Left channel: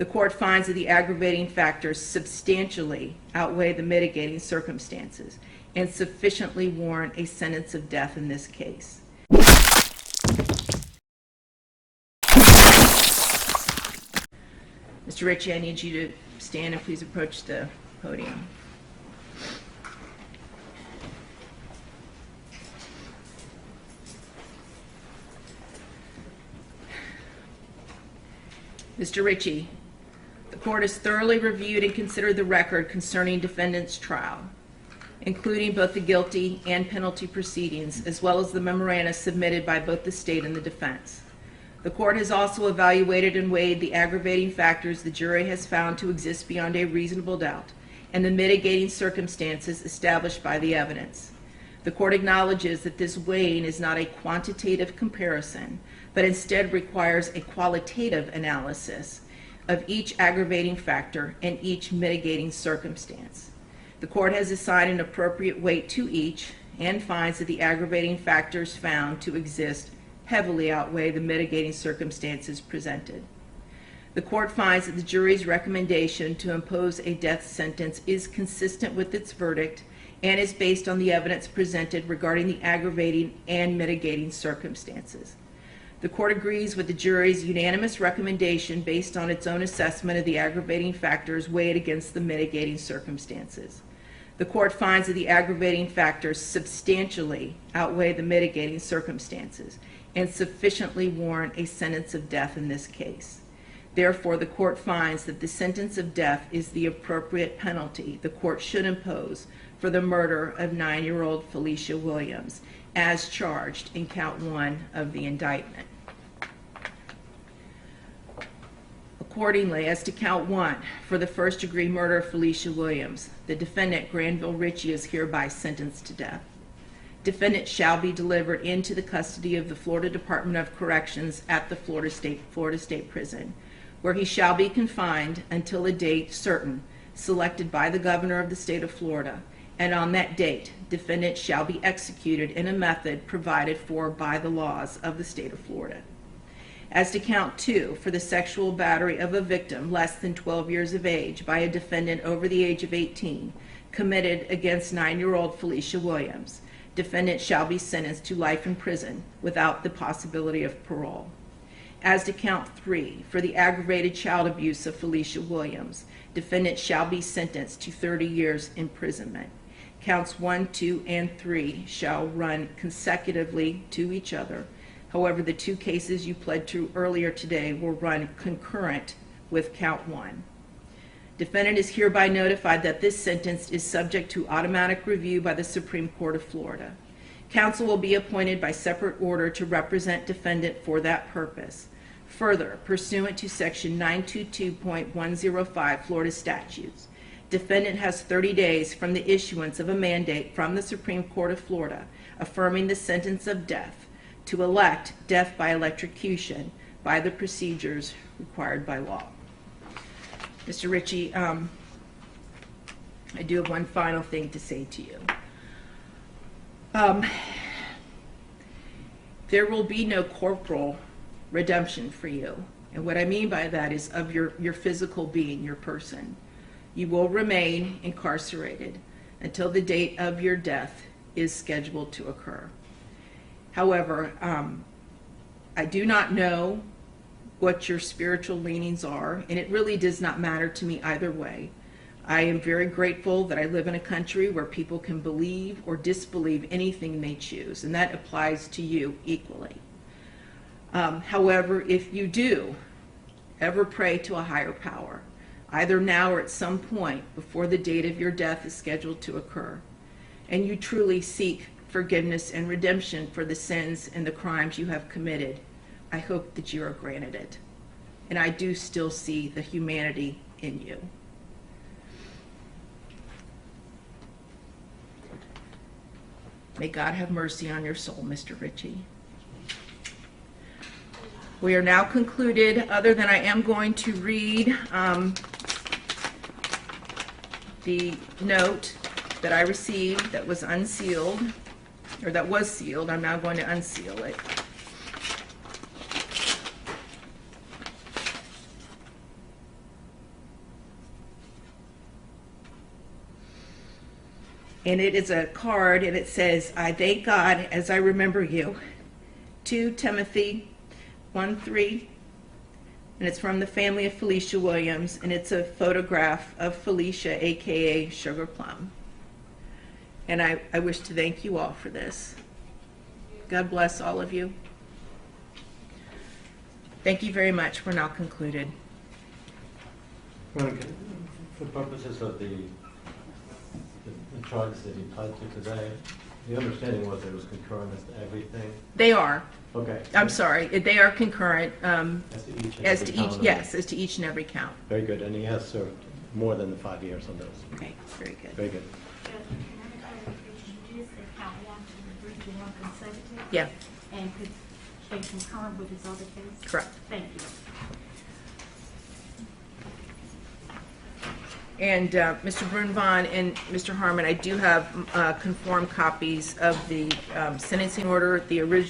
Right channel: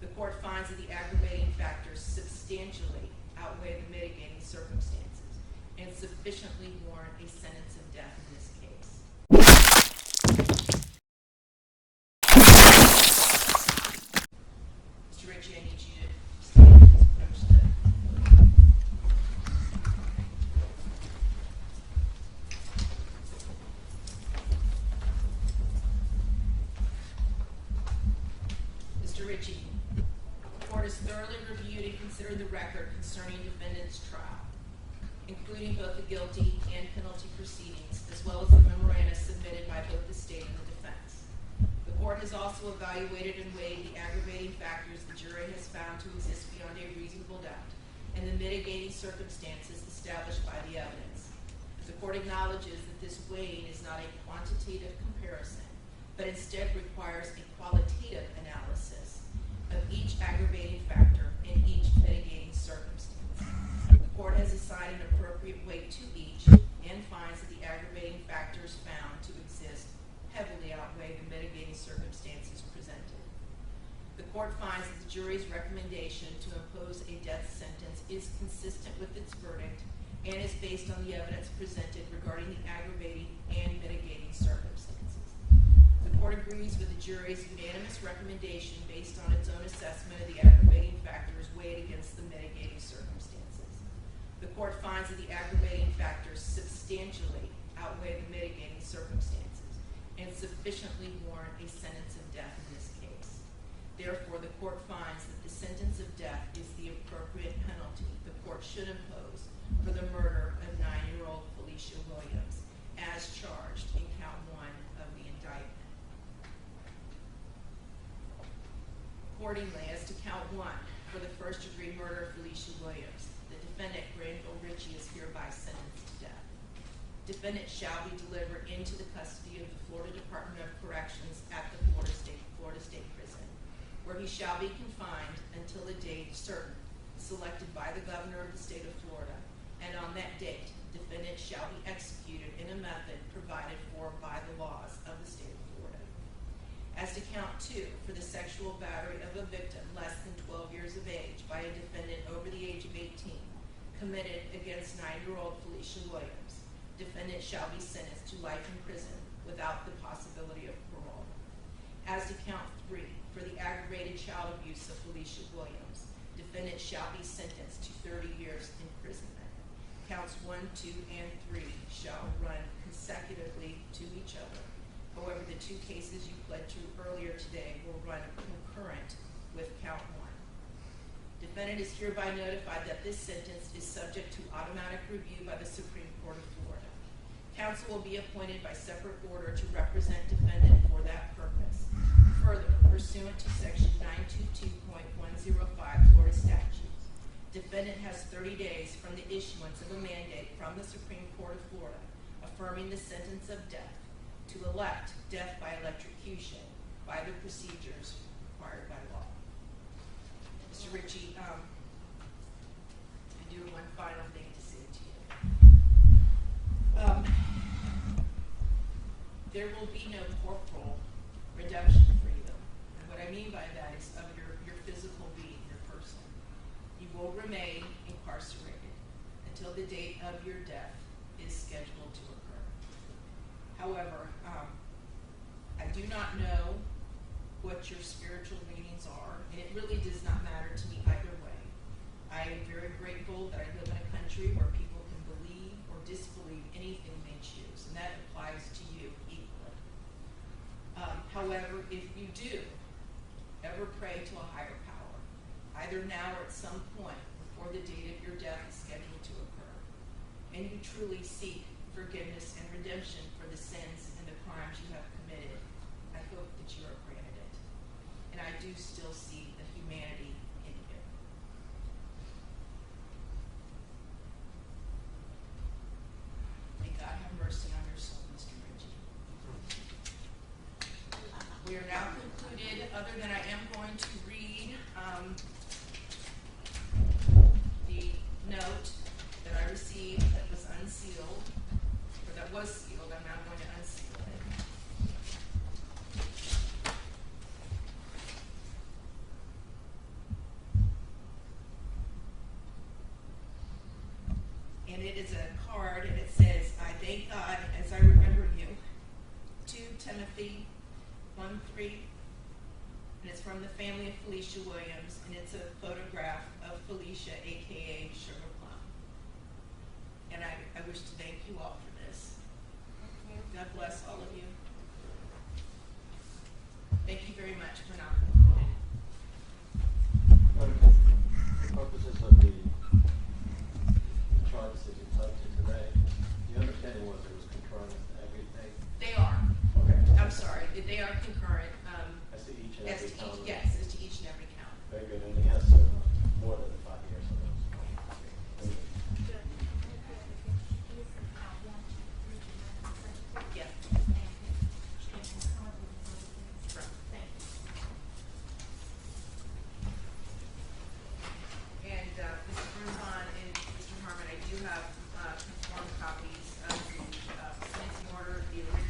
The court finds that the aggravating factors substantially outweigh the mitigating circumstances and sufficiently warrant a sentence of death in this case. Mr. Richie, I need you to stand and please approach the podium. Mr. Richie, the court has thoroughly reviewed and considered the record concerning defendant's trial, including both the guilty and penalty proceedings, as well as the memoranda submitted by both the state and the defense. The court has also evaluated and weighed the aggravating factors the jury has found to exist beyond a reasonable doubt and the mitigating circumstances established by the evidence. The court acknowledges that this weighing is not a quantitative comparison, but instead requires a qualitative analysis of each aggravating factor and each mitigating circumstance. The court has assigned an appropriate weight to each and finds that the aggravating factors found to exist heavily outweigh the mitigating circumstances presented. The court finds that the jury's recommendation to impose a death sentence is consistent with its verdict and is based on the evidence presented regarding the aggravating and mitigating circumstances. The court agrees with the jury's unanimous recommendation based on its own assessment of the aggravating factors weighed against the mitigating circumstances. The court finds that the aggravating factors substantially outweigh the mitigating circumstances and sufficiently warrant a sentence of death in this case. Therefore, the court finds that the sentence of death is the appropriate penalty the court should impose for the murder of 9-year-old Felicia Williams, as charged in count 1 of the indictment. Accordingly, as to count 1, for the first-degree murder of Felicia Williams, the defendant, Granville Richie, is hereby sentenced to death. Defendant shall be delivered into the custody of the Florida Department of Corrections at the Florida State Prison, where he shall be confined until a date certain, selected by the governor of the state of Florida, and on that date, defendant shall be executed in a method provided for by the laws of the state of Florida. As to count 2, for the sexual battery of a victim less than 12 years of age by a defendant over the age of 18, committed against 9-year-old Felicia Williams, defendant shall be sentenced to life in prison without the possibility of parole. As to count 3, for the aggravated child abuse of Felicia Williams, defendant shall be sentenced to 30 years imprisonment. Counts 1, 2, and 3 shall run consecutively to each other. However, the 2 cases you pled to earlier today will run concurrent with count 1. Defendant is hereby notified that this sentence is subject to automatic review by the Supreme Court of Florida. Counsel will be appointed by separate order to represent defendant for that purpose. Further, pursuant to section 922.105 Florida statutes, defendant has 30 days from the issuance of a mandate from the Supreme Court of Florida affirming the sentence of death to elect death by electrocution by the procedures required by law. Mr. Richie, I do have one final thing to say to you. There will be no corporal redemption for you. And what I mean by that is of your physical being, your person. You will remain incarcerated until the date of your death is scheduled to occur. However, I do not know what your spiritual leanings are, and it really does not matter to me either way. I am very grateful that I live in a country where people can believe or disbelieve anything they choose, and that applies to you equally. However, if you do ever pray to a higher power, either now or at some point before the date of your death is scheduled to occur, and you truly seek forgiveness and redemption for the sins and the crimes you have committed, I hope that you are granted it. And I do still see the humanity in you. May God have mercy on your soul, Mr. Richie. We are now concluded, other than I am going to read the note that I received that was unsealed, or that was sealed. I'm now going to unseal it. And it is a card, and it says, "I thank God as I remember you." 2 Timothy 1:3, and it's from the family of Felicia Williams, and it's a photograph of Felicia, aka Sugar Plum. And I wish to thank you all for this. God bless all of you. Thank you very much. We're now concluded. Veronica, for purposes of the charges that you pled to today, the understanding was it was concurrent as to everything? They are. Okay. I'm sorry. They are concurrent. As to each and As every to each, count? yes, as to each and every count. Very good, and he has served more than the 5 years on those. Okay, very good. Very good. Yeah, And concurrent with his other case? correct. Thank you. And Mr. Brunvon and Mr. Harmon, I do have conformed copies of the sentencing order, the original